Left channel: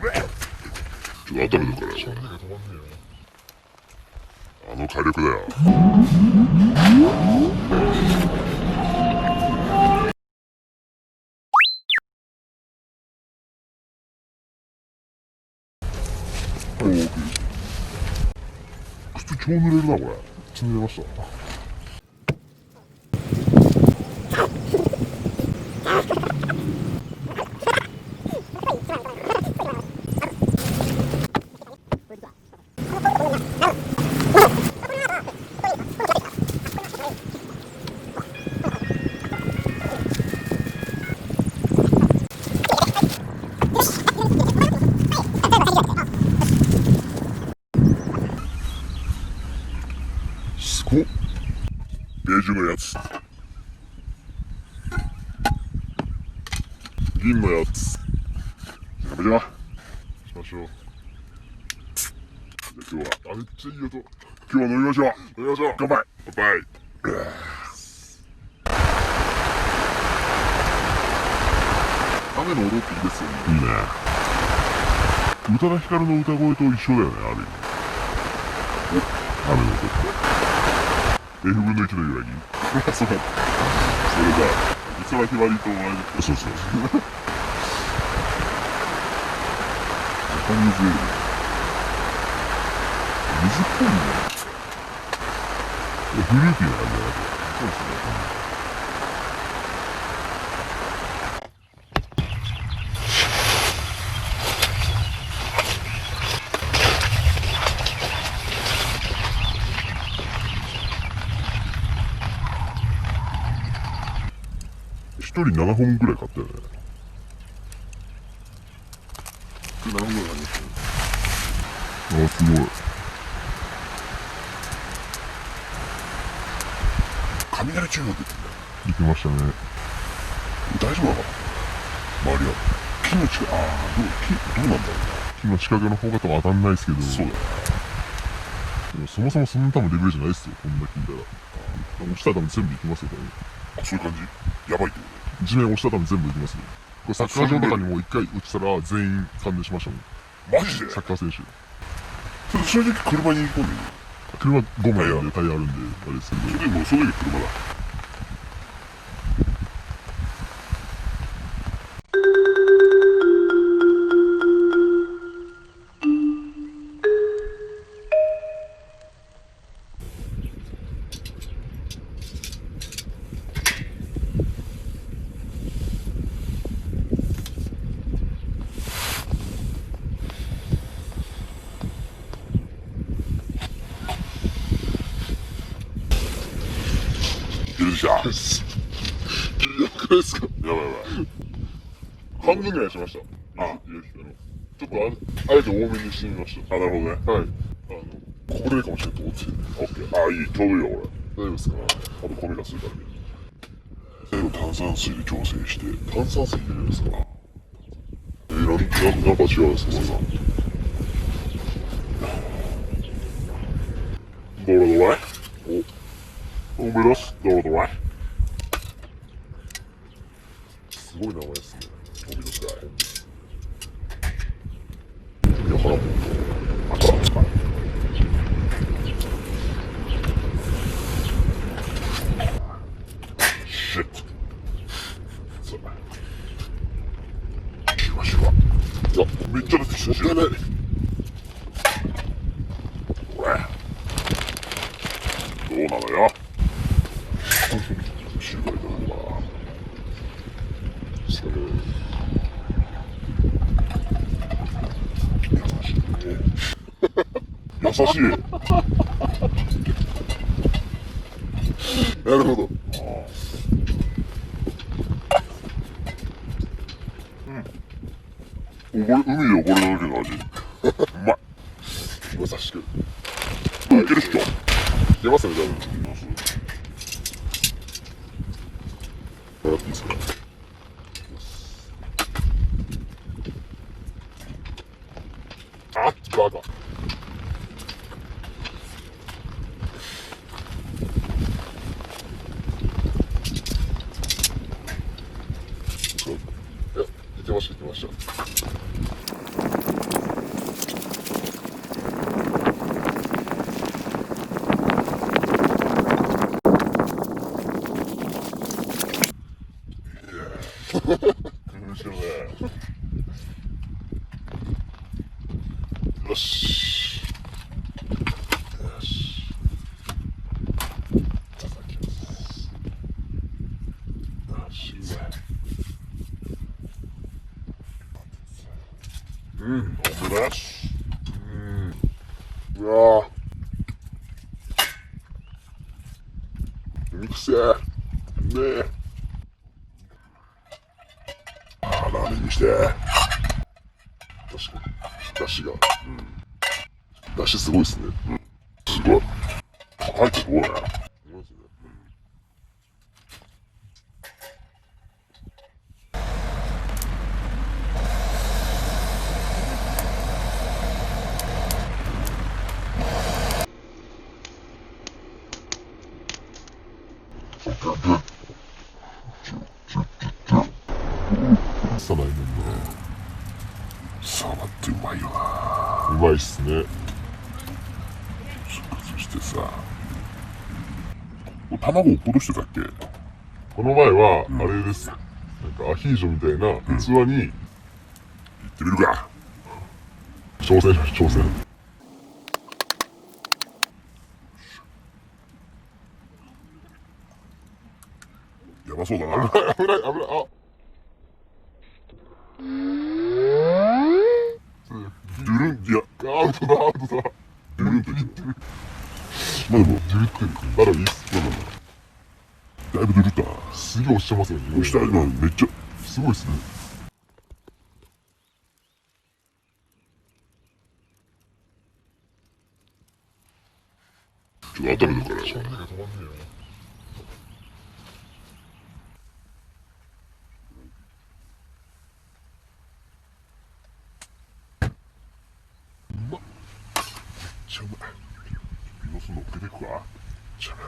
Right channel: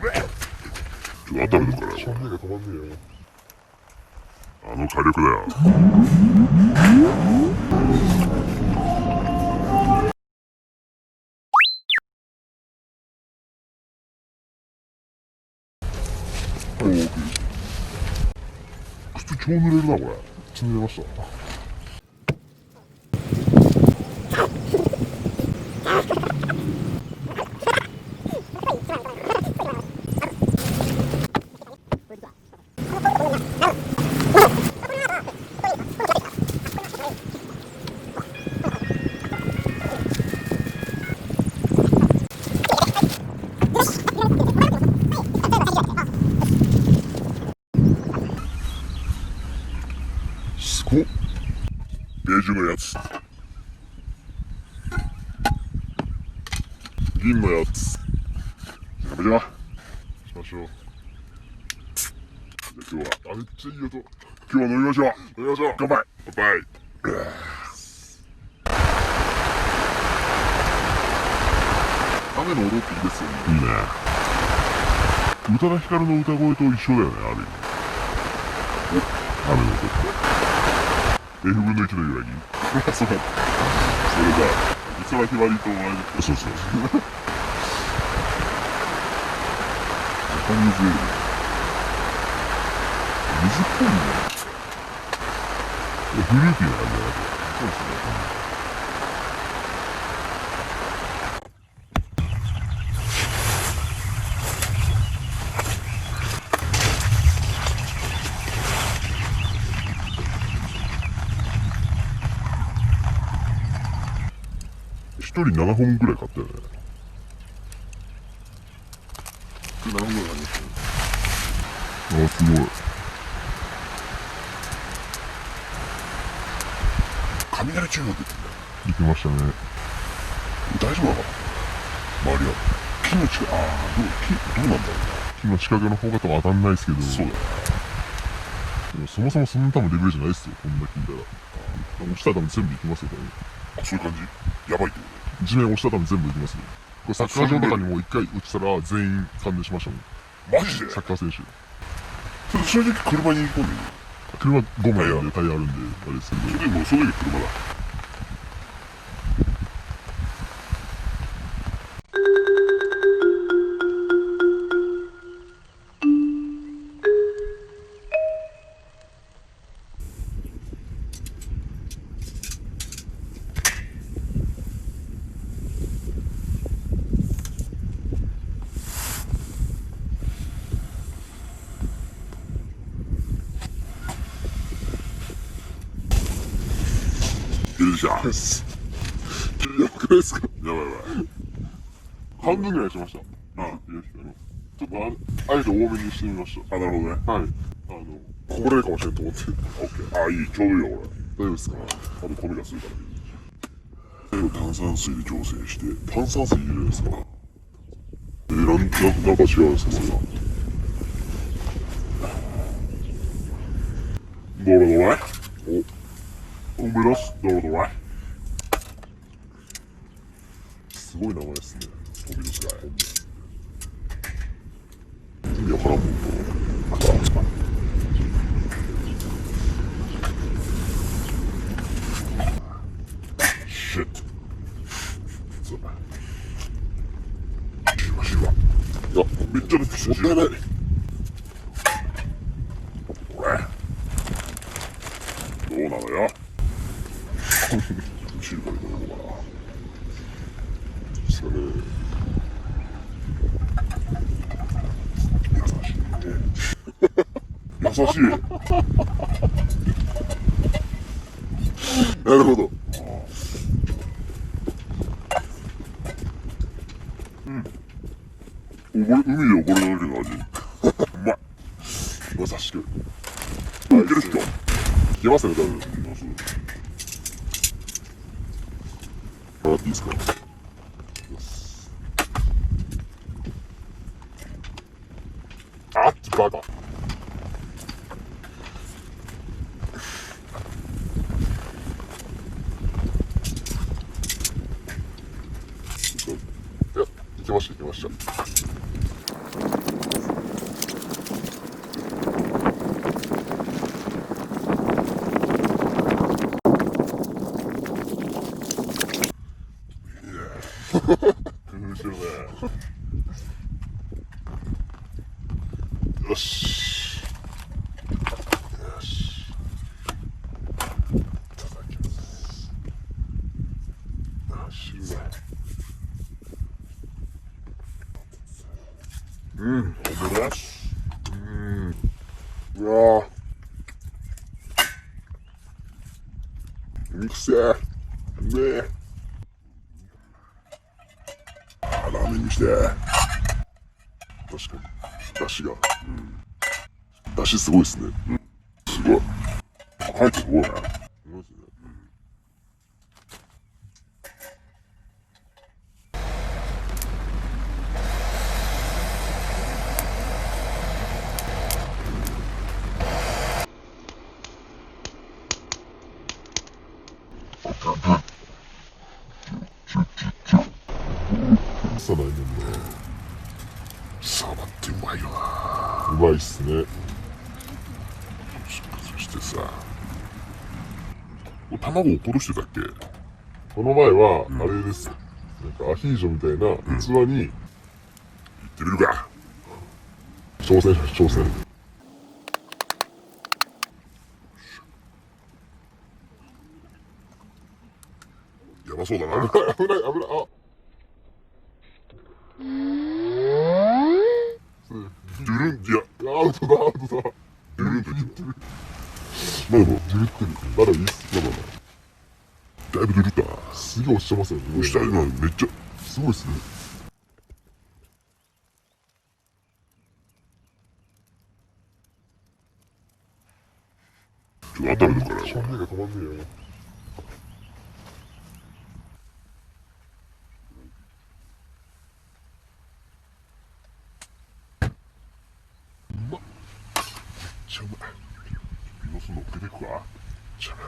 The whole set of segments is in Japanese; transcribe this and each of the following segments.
当たるからよ。あの火力だよ。靴超濡れるな、これ。血濡れました。すごっ。ベージュのやつ。銀のやつ。じゃあしましょう。今日は、めっちゃいい音。今日は飲みましょう。乾杯。雨の音っていいですよね。いいね。宇多田ヒカルの歌声と一緒だよね、ある意味。雨の音って。F 分の1の揺らぎ。それが、美空ひばりと同じ。そう。ジャパニーズエール。水っぽいね。フルーティーな感じだな、これ。そうですね。1人7本ぐらい買ったよね。7本ぐらい買いましたね。あ、すごい。雷注意報って言ってましたね。大丈夫なのかな、周りは。木の近く、どうなんだろうな。木の近くの方がとは当たんないですけど。そうだよ。でもそもそもそんな多分レベルじゃないっすよ、こんな聞いたら。押したら多分全部いきますよ、多分。そういう感じ。やばいってこと。地面押したら多分全部いきますよ。これサッカー場とかにも一回落ちたら全員感電しましたもん。マジでサッカー選手。正直車に行こうね。車5枚でタイヤあるんで、あれですけど。でもそれが車だ。よっしゃ。やばくないですか。やばい。半分ぐらいしました。ちょっとあえて多めにしてみました。なるほどね。はい。こぼれるかもしれんと思って。オッケー。いい。ちょうどいいよ、これ。大丈夫ですか。ゴミがするからね。炭酸水で調整して。炭酸水入れるんですか。なんか違うんですか、さ。どれどれ。お。目指す。どれどれ。すごい名前ですね。おめでたい。いや、からも。シェット。そう。シュワシュワ。めっちゃ出てきてる。これ。どうなのよ。シュワどうだ。それ。優しい。なるほど。海で溺れなきゃの味。うまい。優しく。いけるっしょ。いけますね、多分。もらっていいですか。バカ。いけました。しようね。よし。よし。叩きます。よし、うまい。音だし。うわぁ。肉せえ。ねえ。ラーメンにして。確かに。だしが。だしすごいっすね。すごい。高いってすごいね。サバいもんね。サバってうまいよな。うまいっすね。そしてさ、卵落っことしてたっけ？この前はあれです。なんかアヒージョみたいな器にいってみるか。挑戦しましょう、挑戦。やばそうだな。危ない、危ない、危ない。ドゥルン、いや、アウトだ、アウトだ。ドゥルンと言ってる。まあでも、ドゥルンってまだいいっす。だいぶドゥルンったな。すげえ押してますよね。押したいな。めっちゃ、すごいっすね。ちょっと当たるから。正面が止まんねえよ。うまっ。めっちゃうまい。ビノス乗っけていくか。じゃあな。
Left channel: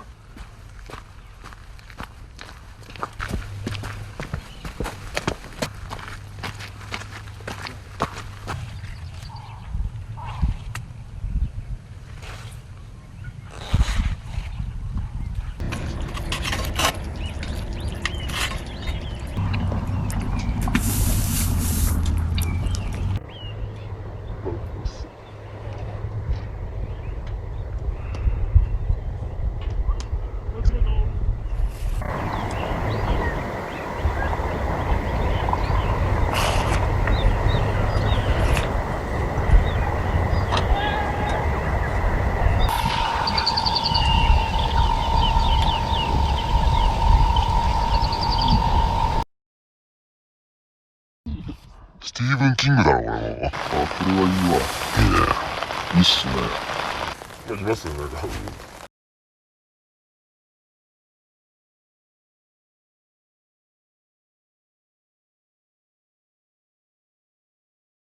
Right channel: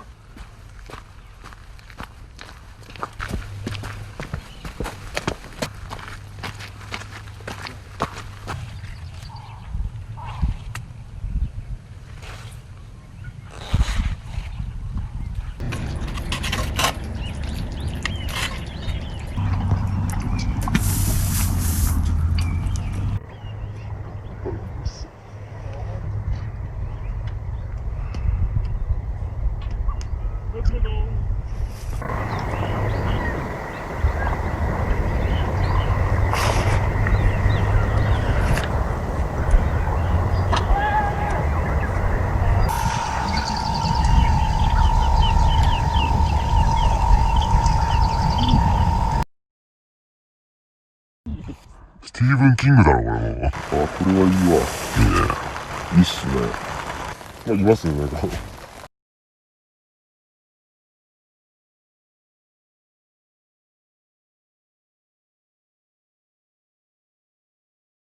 スティーブン・キングだろ、これも。あ、これはいいわ。いいね。いいっすね。いますよね。